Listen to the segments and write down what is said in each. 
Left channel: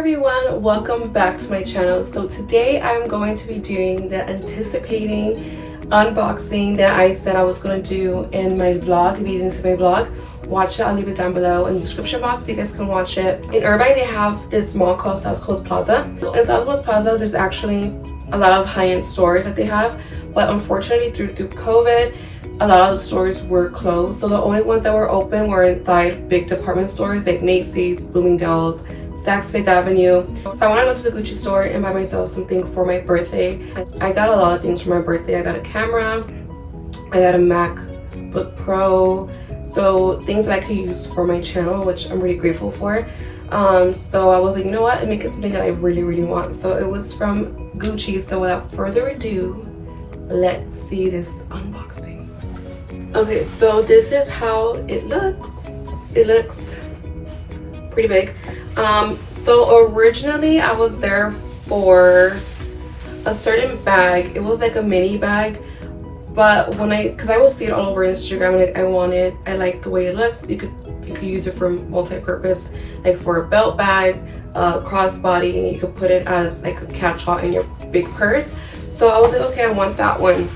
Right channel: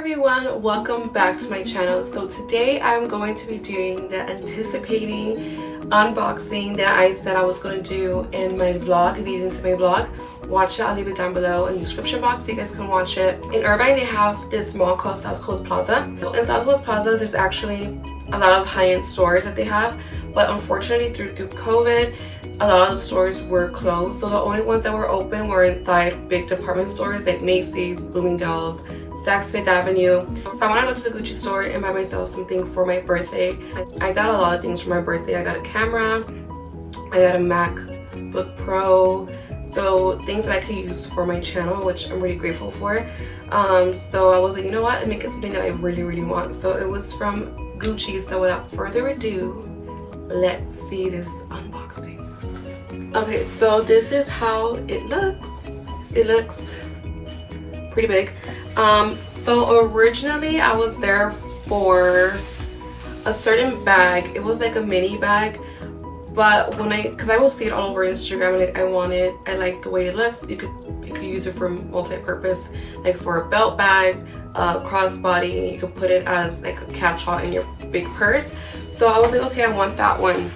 everyone, welcome back to my channel. So today I'm going to be doing the anticipating unboxing that I said I was going to do in my vlog. If you didn't see my vlog, watch it. I'll leave it down below in the description box so you guys can watch it. In Irvine they have this mall called South Coast Plaza. In South Coast Plaza there's actually a lot of high-end stores that they have, but unfortunately through COVID a lot of the stores were closed, so the only ones that were open were inside big department stores like Macy's, Bloomingdale's, Saks Fifth Avenue. So I want to go to the Gucci store and buy myself something for my birthday. I got a lot of things for my birthday. I got a camera, I got a MacBook Pro, so things that I could use for my channel, which I'm really grateful for. So I was like, you know what, make it something that I really want. So it was from Gucci. So without further ado, let's see this unboxing. Okay, so this is how it looks. It looks pretty big. So originally I was there for a certain bag. It was like a mini bag, but because I will see it all over Instagram, and I like the way it looks. You could use it for multi-purpose, like for a belt bag, crossbody, and you could put it as like a catch-all in your big purse. So I was like, okay, I want that one.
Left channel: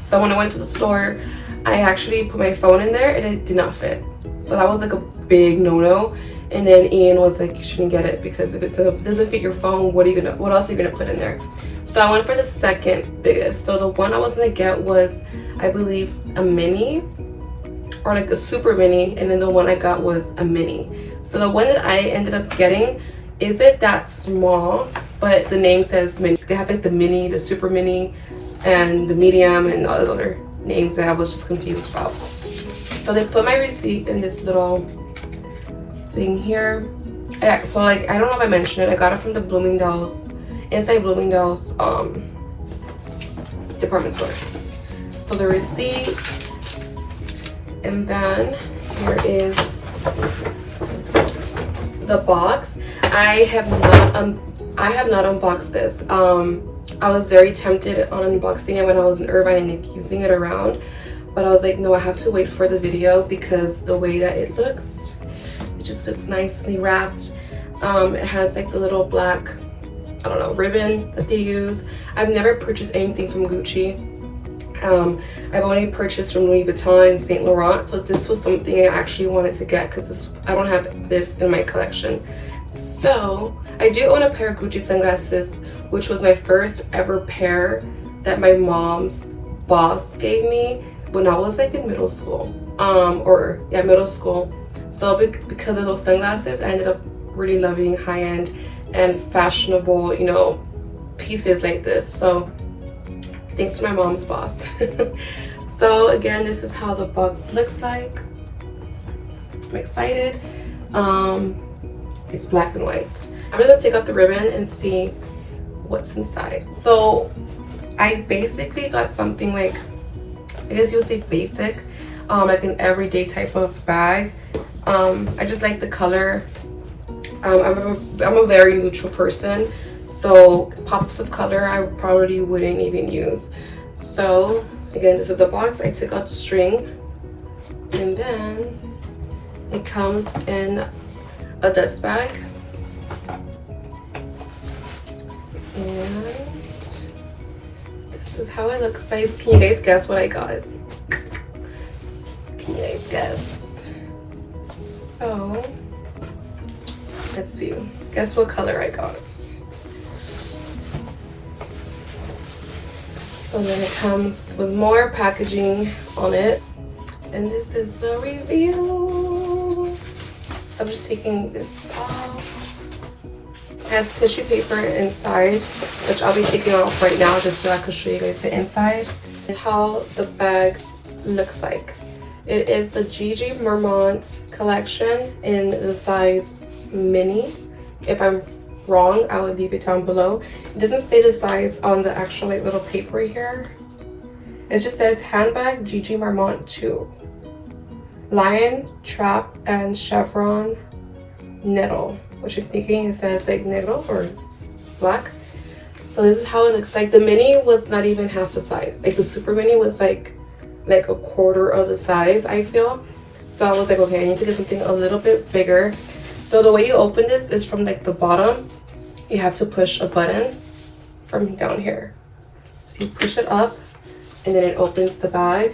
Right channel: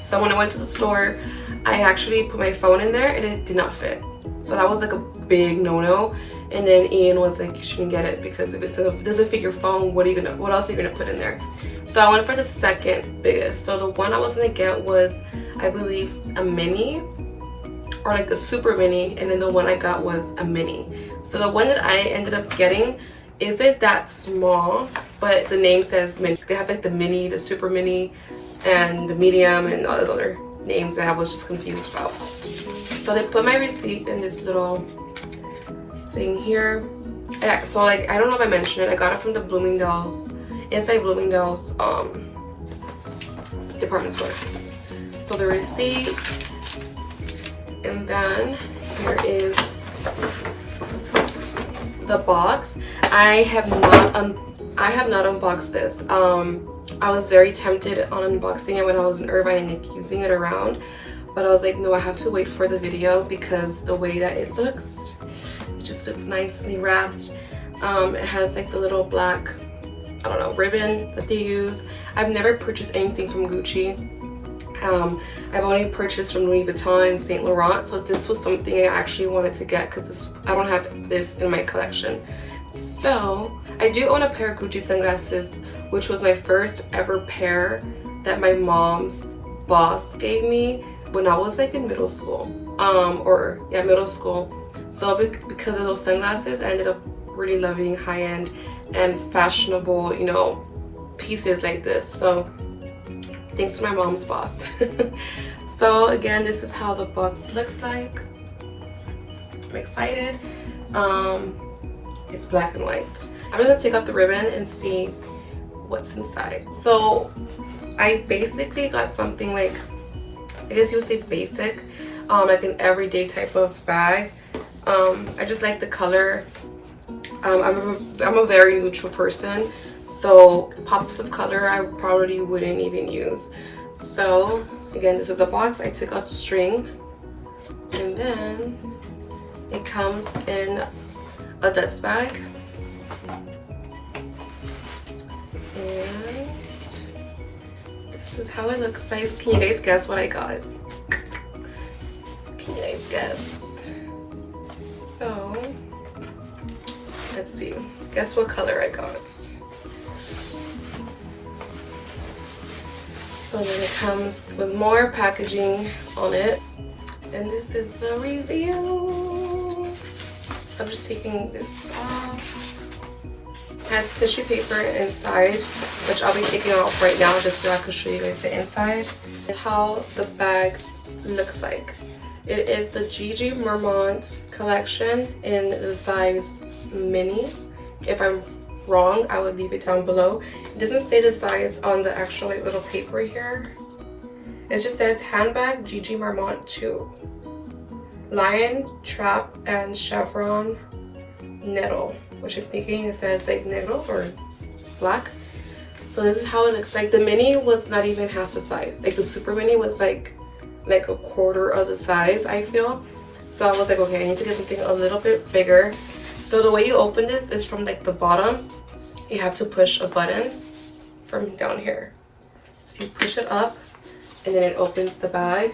So when I went to the store, I actually put my phone in there and it did not fit. So that was like a big no-no. And then Ian was like, you shouldn't get it because if it doesn't fit your phone, what else are you gonna put in there? So I went for the second biggest. So the one I was gonna get was, I believe, a mini or like a super mini, and then the one I got was a mini. So the one that I ended up getting isn't that small, but the name says mini. They have like the mini, the super mini, and the medium, and all those other names that I was just confused about. So they put my receipt in this little thing here. Yeah, so like, I don't know if I mentioned it, I got it from the Bloomingdale's, inside Bloomingdale's department store. So the receipt, and then here is the box. I have not unboxed this. I was very tempted on unboxing it when I was in Irvine and using it around, but I was like, no, I have to wait for the video because the way that it looks, it just looks nicely wrapped. It has like the little black, I don't know, ribbon that they use. I've never purchased anything from Gucci. I've only purchased from Louis Vuitton and Saint Laurent, so this was something I actually wanted to get because I don't have this in my collection. So I do own a pair of Gucci sunglasses, which was my first ever pair that my mom's boss gave me when I was like in middle school, middle school. So because of those sunglasses, I ended up really loving high-end and fashionable, you know, pieces like this. So thanks to my mom's boss. So again, this is how the box looks like. I'm excited. It's black and white. I'm gonna take out the ribbon and see what's inside. So I basically got something like, I guess you would say basic, like an everyday type of bag. I just like the color. I'm a very neutral person, so pops of color I probably wouldn't even use. So again, this is a box. I took out the string, and then it comes in a dust bag, and this is how it looks like. Can you guys guess what I got? Can you guys guess? So let's see, guess what color I got. So then it comes with more packaging on it, and this is the reveal. So I'm just taking this off. It has tissue paper inside, which I'll be taking off right now just so I can show you guys the inside and how the bag looks like. It is the Gigi Marmont collection in the size mini. If I'm wrong, I will leave it down below. It doesn't say the size on the actual like little paper here. It just says handbag Gigi Marmont 2. Lion, trap, and chevron nettle, which I'm thinking it says like negro or black. So this is how it looks like. The mini was not even half the size. Like the super mini was like a quarter of the size, I feel. So I was like, okay, I need to get something a little bit bigger. So the way you open this is from like the bottom. You have to push a button from down here. So you push it up and then it opens the bag,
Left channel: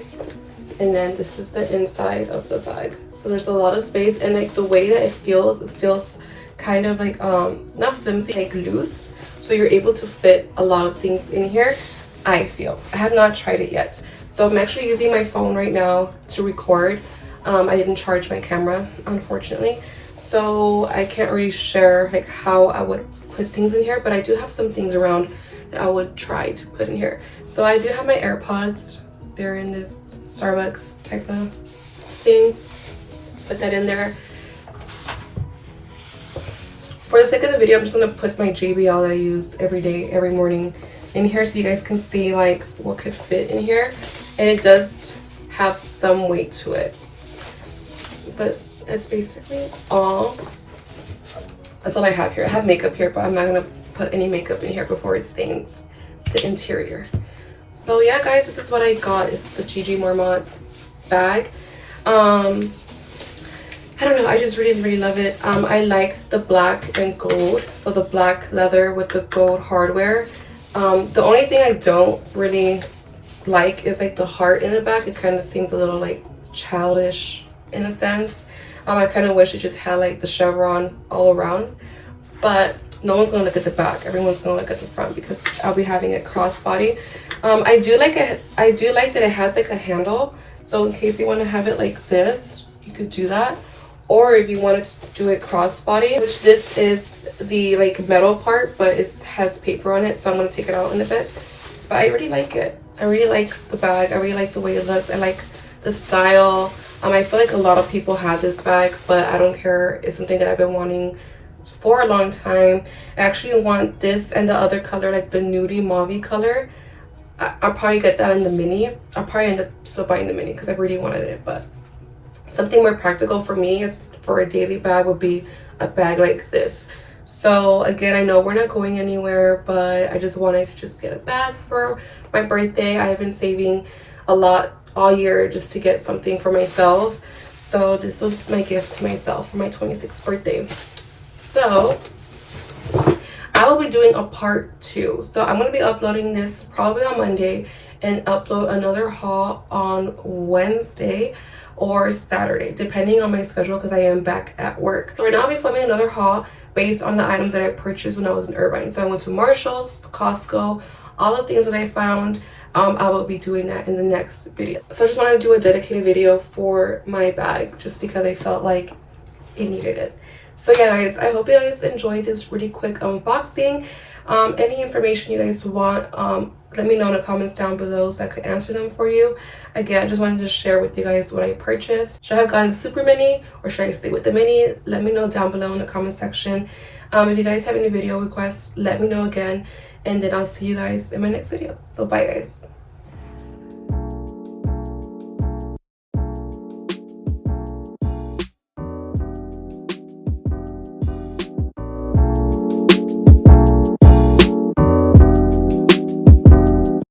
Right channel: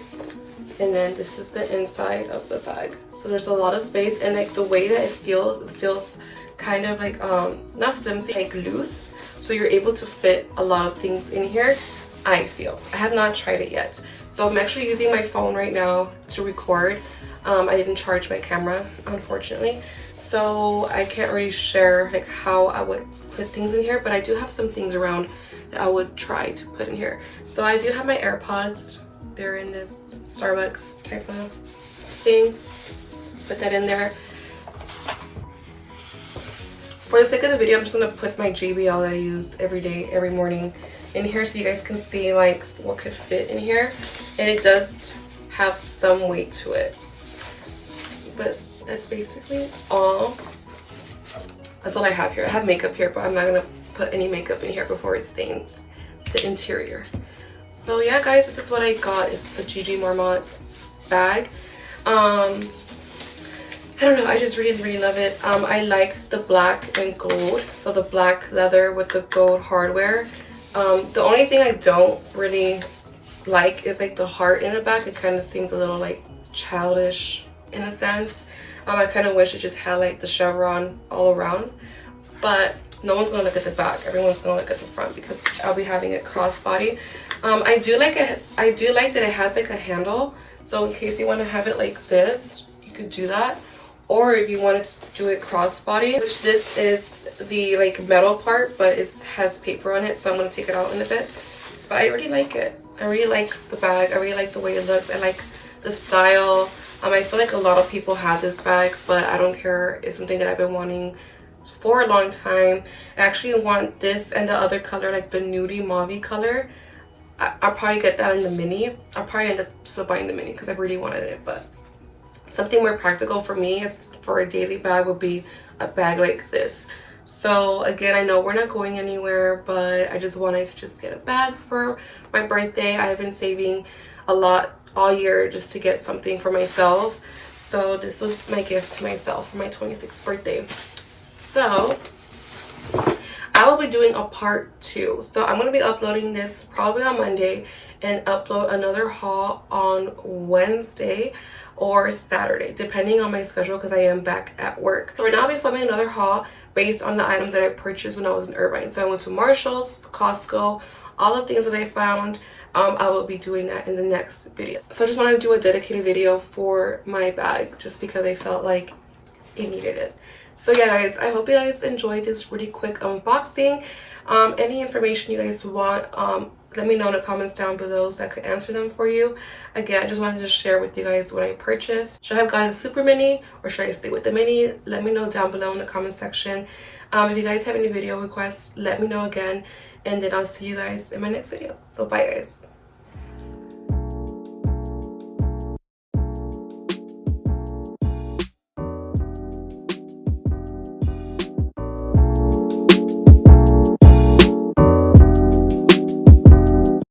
and then this is the inside of the bag. So there's a lot of space, and like the way that it feels kind of like not flimsy, like loose, so you're able to fit a lot of things in here. I feel, I have not tried it yet, so I'm actually using my phone right now to record. I didn't charge my camera, unfortunately, so I can't really share like how I would put things in here, but I do have some things around that I would try to put in here. So I do have my AirPods. They're in this Starbucks type of thing. Put that in there. For the sake of the video, I'm just gonna put my JBL that I use every day, every morning in here, so you guys can see like what could fit in here. And it does have some weight to it, but that's basically all. That's all I have here. I have makeup here, but I'm not gonna put any makeup in here before it stains the interior. So yeah, guys, this is what I got. It's a Gigi Marmont bag. I don't know, I just really love it. I like the black and gold, so the black leather with the gold hardware. The only thing I don't really like is like the heart in the back. It kind of seems a little like childish in a sense. I kind of wish it just had like the chevron all around, but no one's gonna look at the back. Everyone's gonna look at the front because I'll be having it crossbody. I do like that it has like a handle, so in case you want to have it like this, you could do that. Or if you wanted to do it crossbody, which this is the like metal part, but it has paper on it, so I'm gonna take it out in a bit. But I really like it. I really like the bag. I really like the way it looks. I like the style. I feel like a lot of people have this bag, but I don't care. It's something that I've been wanting for a long time. I actually want this and the other color, like the nudie mauve color. I'll probably get that in the mini. I'll probably end up still buying the mini because I really wanted it, but something more practical for me is for a daily bag would be a bag like this. So again, I know we're not going anywhere, but I just wanted to just get a bag for my birthday. I have been saving a lot all year just to get something for myself. So this was my gift to myself for my 26th birthday. So I will be doing a part 2. So I'm going to be uploading this probably on Monday and upload another haul on Wednesday or Saturday, depending on my schedule because I am back at work. So right now I'll be filming another haul based on the items that I purchased when I was in Irvine. So I went to Marshall's, Costco, all the things that I found. I will be doing that in the next video. So I just wanted to do a dedicated video for my bag just because I felt like it needed it. So yeah, guys, I hope you guys enjoyed this really quick unboxing. Any information you guys want, let me know in the comments down below so I could answer them for you. Again, I just wanted to share with you guys what I purchased. Should I have gotten the super mini or should I stay with the mini? Let me know down below in the comment section. If you guys have any video requests, let me know again, and then I'll see you guys in my next video. So bye, guys.